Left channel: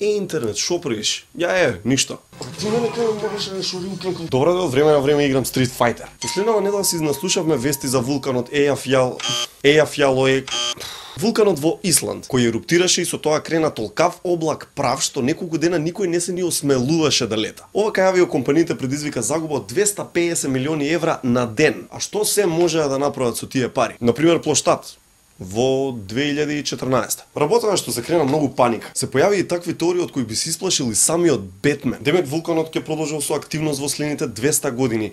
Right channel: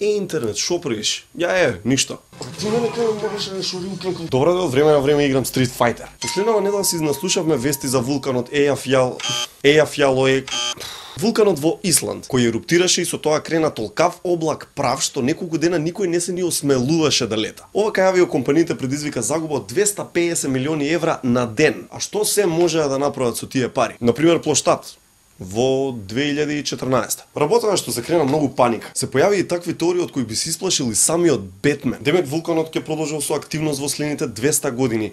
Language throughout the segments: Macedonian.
интернет, шо правиш? Ја ништо. Ти мене кај можеш да шуринкам. Добро да од време на време играм Street Fighter. Последнава недела си наслушавме вести за вулканот Ејафјалој. Вулканот во Исланд, кој еруптираше и со тоа крена толкав облак прав што неколку дена никој не се ни осмелуваше да лета. Ова кај авиокомпаниите предизвика загуба од 250 милиони евра на ден. А што се можеа да направат со тие пари? Например, плоштад во 2014. Работено што се крена многу паника. Се појави и такви теории од кои би се исплашил и самиот Бетмен. Демек вулканот ќе продолжи со активност во следните 200 години.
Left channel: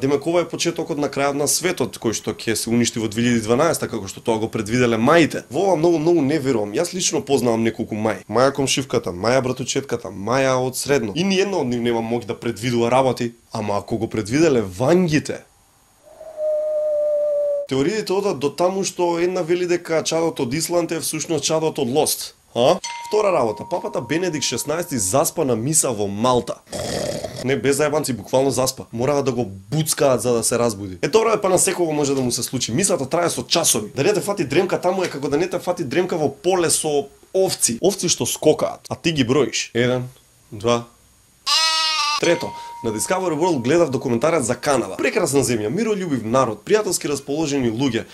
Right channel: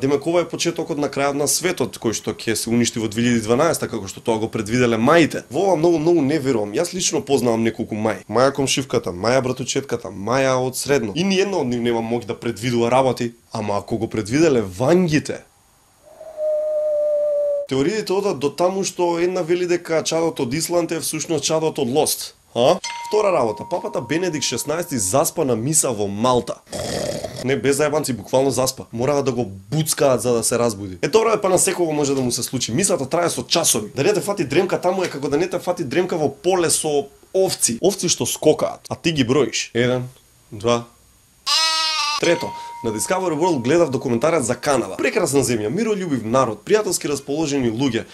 Демек ова е почетокот на крајот на светот кој што ќе се уништи во 2012 како што тоа го предвиделе маите. Во ова многу не верувам. Јас лично познавам неколку маи. Маја комшивката, Маја братучетката, Маја од средно. И ни една од нив нема моќ да предвидува работи, ама ако го предвиделе вангите. Теориите одат до таму што една вели дека чадот од Исланд е всушност чадот од Лост. Втора работа, папата Бенедикт 16 заспа на миса во Малта. Не, без зајбанци, буквално заспа. Мораа да го буцкаат за да се разбуди. Тоа е па на секого може да му се случи. Мисата трае со часови. Да не те фати дремка таму е како да не те фати дремка во поле со овци. Овци што скокаат, а ти ги броиш. 1, 2, трето, на Discovery World гледав документарец за Канада. Прекрасна земја, мирољубив народ, пријателски расположени луѓе.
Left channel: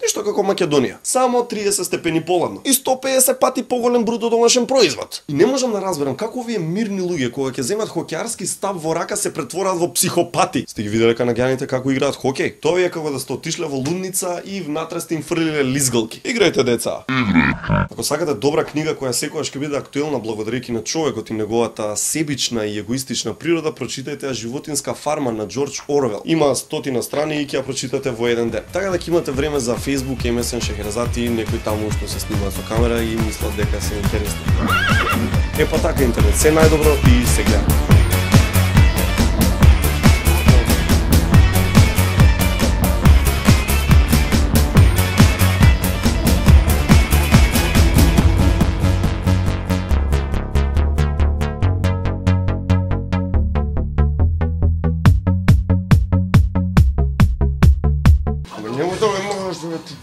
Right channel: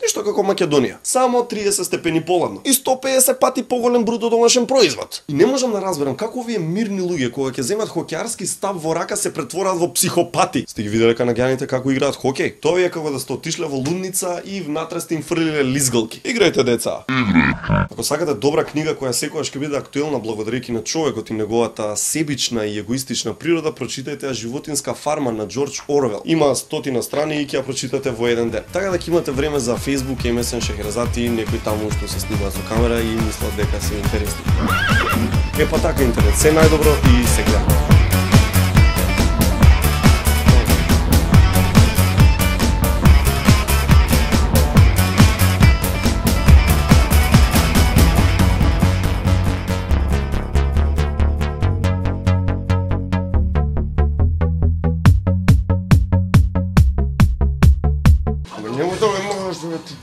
Нешто како Македонија. Само 30 степени поладно и 150 пати поголем бруто домашен производ. И не можам да разберам како овие мирни луѓе кога ќе земат хокеарски став во рака се претвораат во психопати. Сте ги виделе канаѓаните како играат хокеј? Тоа е како да сте отишле во лудница и внатре сте им фрлиле лизгалки. Играјте, деца. Ако сакате добра книга која секогаш ќе биде актуелна благодарејќи на човекот и неговата себична и егоистична природа, прочитајте Животинска фарма на Џорџ Орвел. Има 100 страни и ќе ја прочитате во еден ден. Така да ќе имате време за Facebook, MSN, Шехерзати, некои таму што се снимаат со камера и мислат дека се интересни. Па така интернет, се најдобро и се гледа. Нема да ме можеш да ти